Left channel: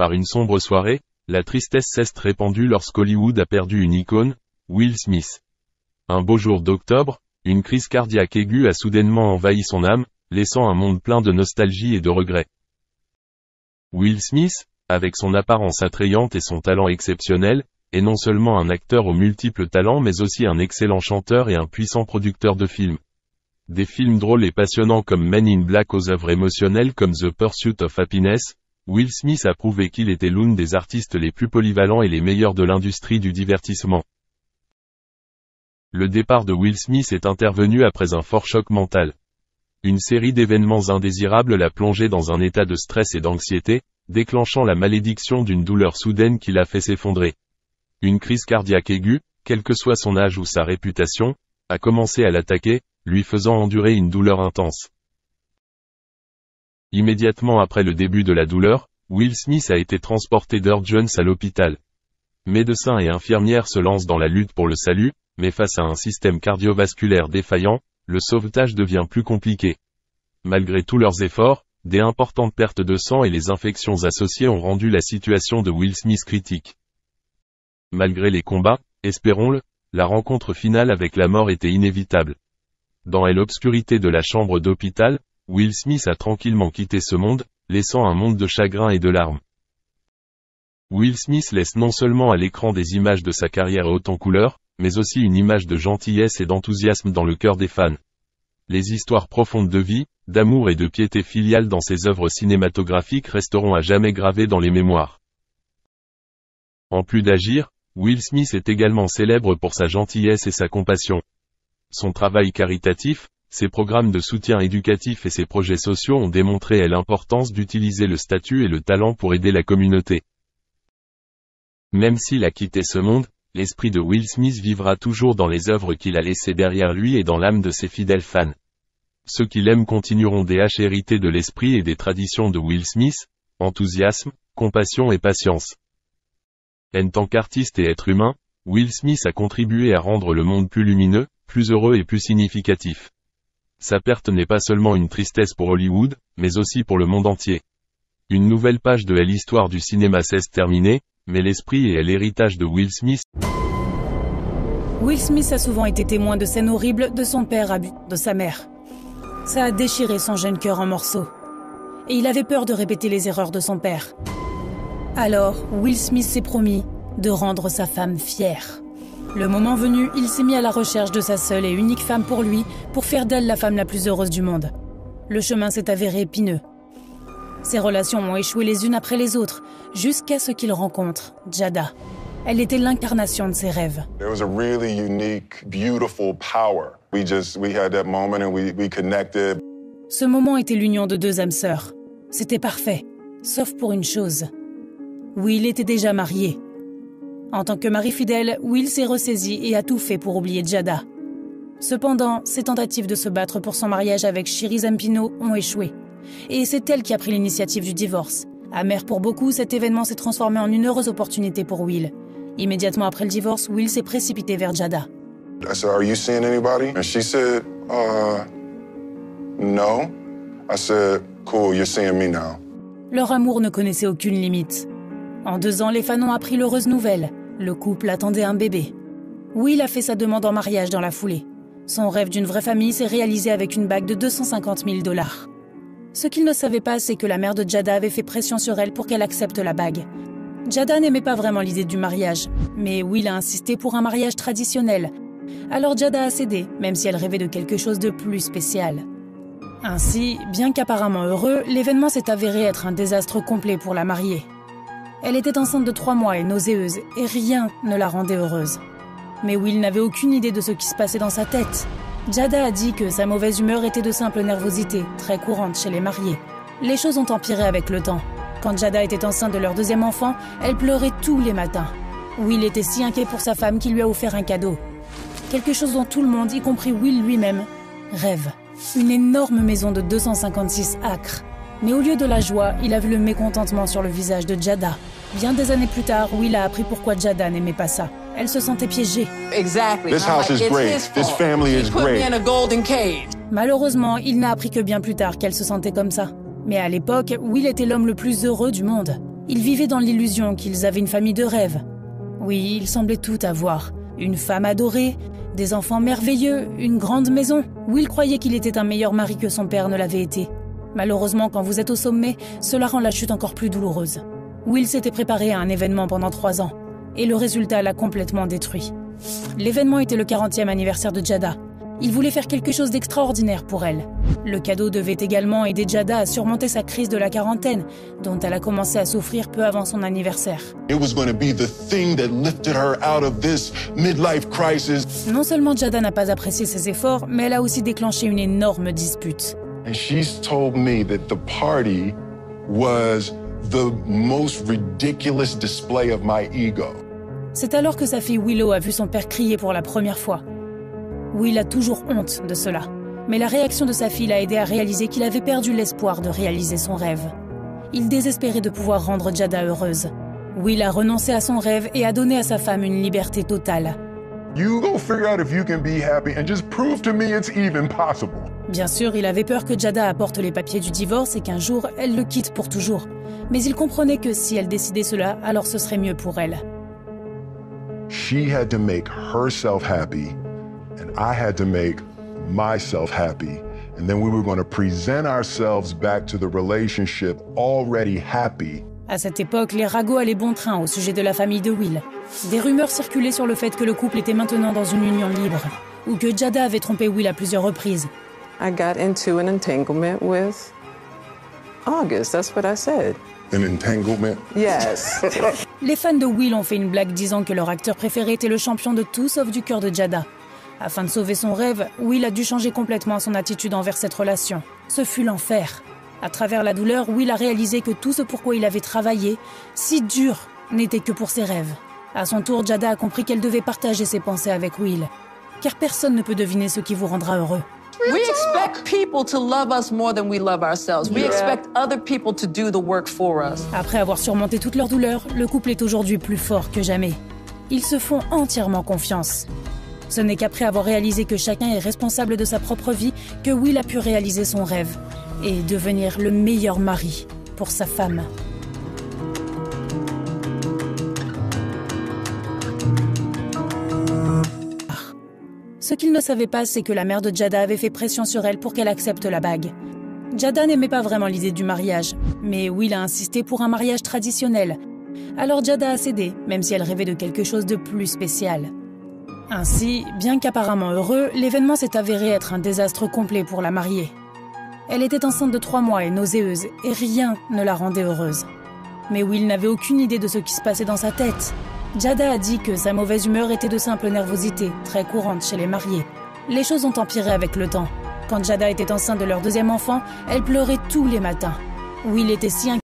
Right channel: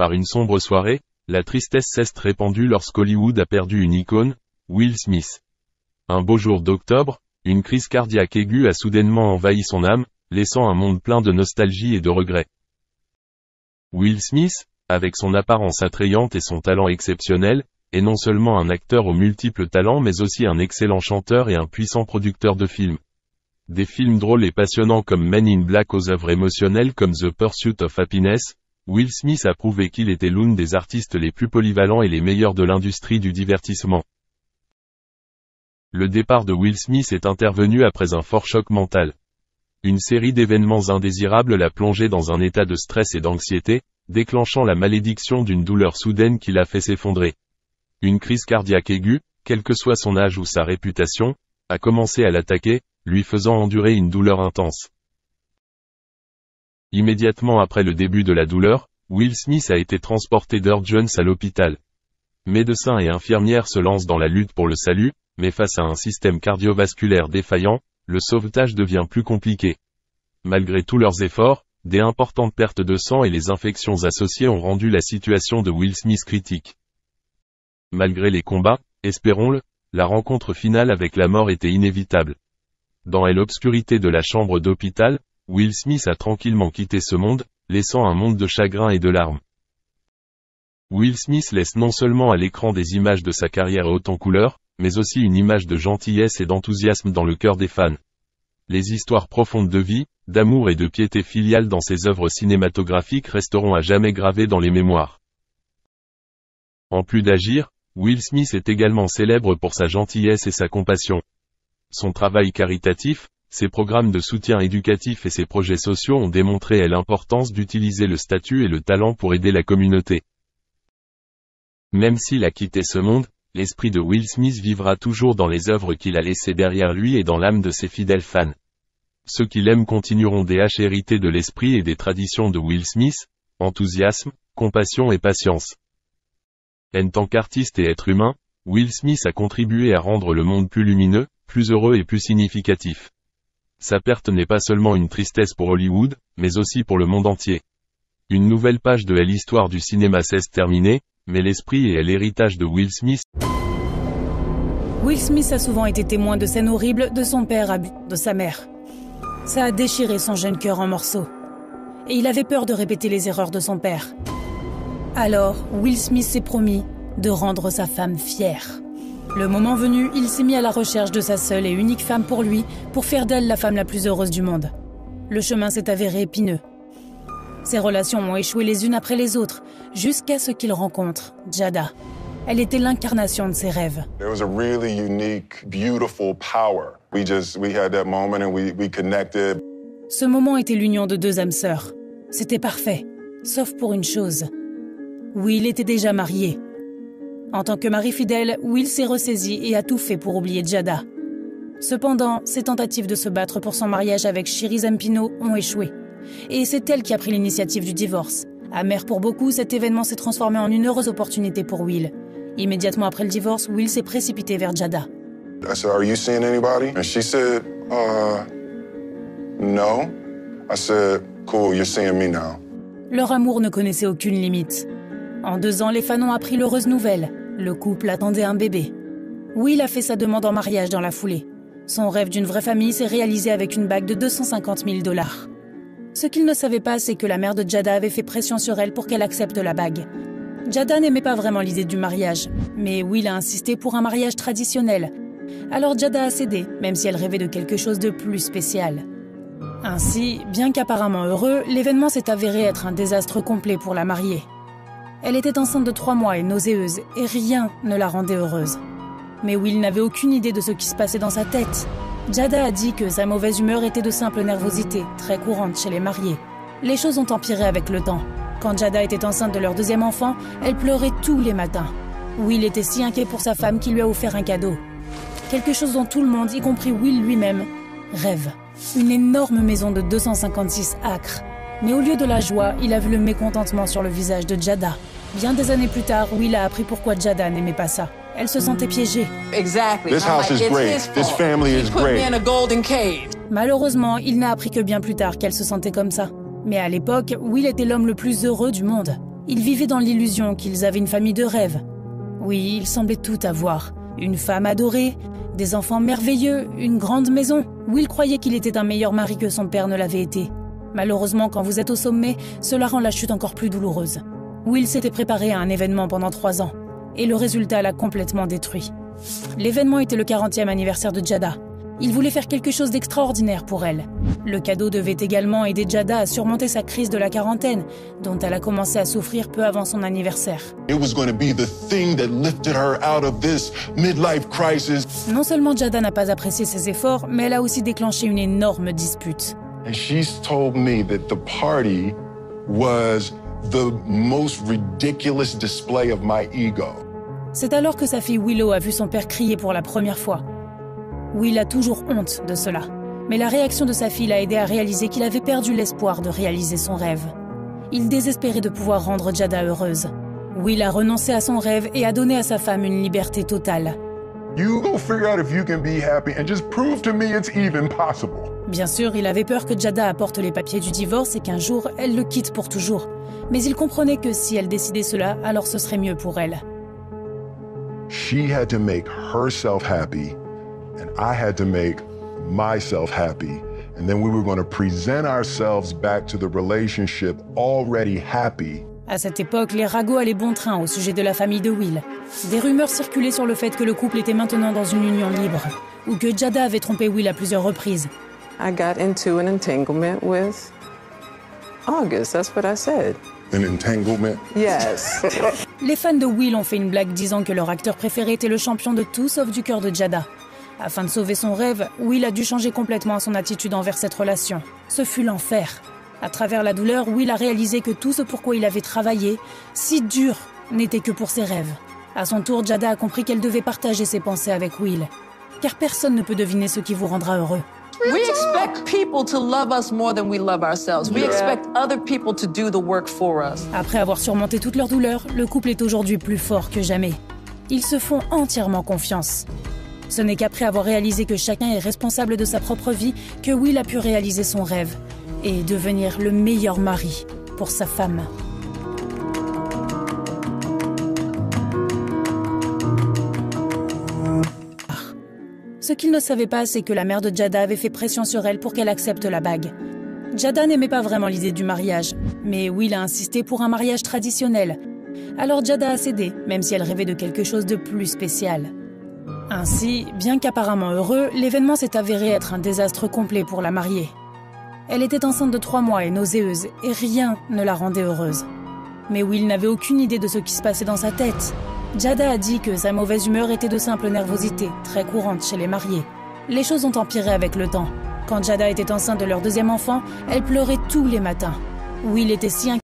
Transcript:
Par une sombre soirée, la tristesse s'est répandue lorsqu'Hollywood a perdu une icône, Will Smith. Un beau jour d'octobre, une crise cardiaque aiguë a soudainement envahi son âme, laissant un monde plein de nostalgie et de regrets. Will Smith, avec son apparence attrayante et son talent exceptionnel, est non seulement un acteur aux multiples talents mais aussi un excellent chanteur et un puissant producteur de films. Des films drôles et passionnants comme Men in Black aux œuvres émotionnelles comme The Pursuit of Happiness, Will Smith a prouvé qu'il était l'un des artistes les plus polyvalents et les meilleurs de l'industrie du divertissement. Le départ de Will Smith est intervenu après un fort choc mental. Une série d'événements indésirables l'a plongé dans un état de stress et d'anxiété, déclenchant la malédiction d'une douleur soudaine qui l'a fait s'effondrer. Une crise cardiaque aiguë, quel que soit son âge ou sa réputation, a commencé à l'attaquer, lui faisant endurer une douleur intense. Immédiatement après le début de la douleur, Will Smith a été transporté d'urgence à l'hôpital. Médecins et infirmières se lancent dans la lutte pour le salut, mais face à un système cardiovasculaire défaillant, le sauvetage devient plus compliqué. Malgré tous leurs efforts, des importantes pertes de sang et les infections associées ont rendu la situation de Will Smith critique. Malgré les combats, espérons-le, la rencontre finale avec la mort était inévitable. Dans l'obscurité de la chambre d'hôpital, Will Smith a tranquillement quitté ce monde, laissant un monde de chagrin et de larmes. Will Smith laisse non seulement à l'écran des images de sa carrière haute en couleurs, mais aussi une image de gentillesse et d'enthousiasme dans le cœur des fans. Les histoires profondes de vie, d'amour et de piété filiale dans ses œuvres cinématographiques resteront à jamais gravées dans les mémoires. En plus d'agir, Will Smith est également célèbre pour sa gentillesse et sa compassion. Son travail caritatif, ses programmes de soutien éducatif et ses projets sociaux ont démontré l'importance d'utiliser le statut et le talent pour aider la communauté. Même s'il a quitté ce monde, l'esprit de Will Smith vivra toujours dans les œuvres qu'il a laissées derrière lui et dans l'âme de ses fidèles fans. Ceux qui l'aiment continueront d'hériter de l'esprit et des traditions de Will Smith, enthousiasme, compassion et patience. En tant qu'artiste et être humain, Will Smith a contribué à rendre le monde plus lumineux, plus heureux et plus significatif. Sa perte n'est pas seulement une tristesse pour Hollywood, mais aussi pour le monde entier. Une nouvelle page de l'histoire du cinéma s'est terminée, mais l'esprit et l'héritage de Will Smith. Will Smith a souvent été témoin de scènes horribles de son père de sa mère. Ça a déchiré son jeune cœur en morceaux. Et il avait peur de répéter les erreurs de son père. Alors, Will Smith s'est promis de rendre sa femme fière. Le moment venu, il s'est mis à la recherche de sa seule et unique femme pour lui, pour faire d'elle la femme la plus heureuse du monde. Le chemin s'est avéré épineux. Ses relations ont échoué les unes après les autres, jusqu'à ce qu'il rencontre Jada. Elle était l'incarnation de ses rêves. There was a really unique, beautiful power. We had that moment and we connected. Ce moment était l'union de deux âmes sœurs. C'était parfait, sauf pour une chose. Will était déjà marié. En tant que mari fidèle, Will s'est ressaisi et a tout fait pour oublier Jada. Cependant, ses tentatives de se battre pour son mariage avec Shiri Zampino ont échoué. Et c'est elle qui a pris l'initiative du divorce. Amer pour beaucoup, cet événement s'est transformé en une heureuse opportunité pour Will. Immédiatement après le divorce, Will s'est précipité vers Jada. I said, "Are you seeing anybody?" And she said, "No." I said, "Cool, you're seeing me now." Leur amour ne connaissait aucune limite. En 2 ans, les fans ont appris l'heureuse nouvelle. Le couple attendait un bébé. Will a fait sa demande en mariage dans la foulée. Son rêve d'une vraie famille s'est réalisé avec une bague de 250 000 $. Ce qu'il ne savait pas, c'est que la mère de Jada avait fait pression sur elle pour qu'elle accepte la bague. Jada n'aimait pas vraiment l'idée du mariage, mais Will a insisté pour un mariage traditionnel. Alors Jada a cédé, même si elle rêvait de quelque chose de plus spécial. Ainsi, bien qu'apparemment heureux, l'événement s'est avéré être un désastre complet pour la mariée. Elle était enceinte de 3 mois et nauséeuse, et rien ne la rendait heureuse. Mais Will n'avait aucune idée de ce qui se passait dans sa tête. Jada a dit que sa mauvaise humeur était de simple nervosité, très courante chez les mariés. Les choses ont empiré avec le temps. Quand Jada était enceinte de leur 2e enfant, elle pleurait tous les matins. Will était si inquiet pour sa femme qu'il lui a offert un cadeau. Quelque chose dont tout le monde, y compris Will lui-même, rêve. Une énorme maison de 256 acres. Mais au lieu de la joie, il a vu le mécontentement sur le visage de Jada. Bien des années plus tard, Will a appris pourquoi Jada n'aimait pas ça. Elle se sentait piégée. This house is great. This family is great. Malheureusement, il n'a appris que bien plus tard qu'elle se sentait comme ça. Mais à l'époque, Will était l'homme le plus heureux du monde. Ils vivaient dans l'illusion qu'ils avaient une famille de rêve. Oui, ils semblaient tout avoir. Une femme adorée, des enfants merveilleux, une grande maison. Will croyait qu'il était un meilleur mari que son père ne l'avait été. Malheureusement, quand vous êtes au sommet, cela rend la chute encore plus douloureuse. Will s'était préparé à un événement pendant 3 ans, et le résultat l'a complètement détruit. L'événement était le 40e anniversaire de Jada. Il voulait faire quelque chose d'extraordinaire pour elle. Le cadeau devait également aider Jada à surmonter sa crise de la quarantaine, dont elle a commencé à souffrir peu avant son anniversaire. Non seulement Jada n'a pas apprécié ses efforts, mais elle a aussi déclenché une énorme dispute. And she's told me that the party was the most ridiculous display of my ego. C'est alors que sa fille Willow a vu son père crier pour la première fois. Will a toujours honte de cela, mais la réaction de sa fille l'a aidé à réaliser qu'il avait perdu l'espoir de réaliser son rêve. Il désespérait de pouvoir rendre Jada heureuse. Will a renoncé à son rêve et a donné à sa femme une liberté totale. Bien sûr, il avait peur que Jada apporte les papiers du divorce et qu'un jour, elle le quitte pour toujours. Mais il comprenait que si elle décidait cela, alors ce serait mieux pour elle. She had to make herself happy, and I had to make myself happy. And then we were going to present ourselves back to the relationship already happy. À cette époque, les ragots allaient bon train au sujet de la famille de Will. Des rumeurs circulaient sur le fait que le couple était maintenant dans une union libre, ou que Jada avait trompé Will à plusieurs reprises. I got into an entanglement with August, that's what I said. An entanglement? Yes. Les fans de Will ont fait une blague disant que leur acteur préféré était le champion de tout sauf du cœur de Jada. Afin de sauver son rêve, Will a dû changer complètement son attitude envers cette relation. Ce fut l'enfer. À travers la douleur, Will a réalisé que tout ce pourquoi il avait travaillé, si dur, n'était que pour ses rêves. À son tour, Jada a compris qu'elle devait partager ses pensées avec Will. Car personne ne peut deviner ce qui vous rendra heureux. We expect people to love us more than we love ourselves. We expect other people to do the work for us. Après avoir surmonté toute leur douleur, le couple est aujourd'hui plus fort que jamais. Ils se font entièrement confiance. Ce n'est qu'après avoir réalisé que chacun est responsable de sa propre vie que Will a pu réaliser son rêve et devenir le meilleur mari pour sa femme. Ce qu'il ne savait pas, c'est que la mère de Jada avait fait pression sur elle pour qu'elle accepte la bague. Jada n'aimait pas vraiment l'idée du mariage, mais Will a insisté pour un mariage traditionnel. Alors Jada a cédé, même si elle rêvait de quelque chose de plus spécial. Ainsi, bien qu'apparemment heureux, l'événement s'est avéré être un désastre complet pour la mariée. Elle était enceinte de 3 mois et nauséeuse, et rien ne la rendait heureuse. Mais Will n'avait aucune idée de ce qui se passait dans sa tête. Jada a dit que sa mauvaise humeur était de simple nervosité, très courante chez les mariés. Les choses ont empiré avec le temps. Quand Jada était enceinte de leur 2e enfant, elle pleurait tous les matins. Will était si inquiet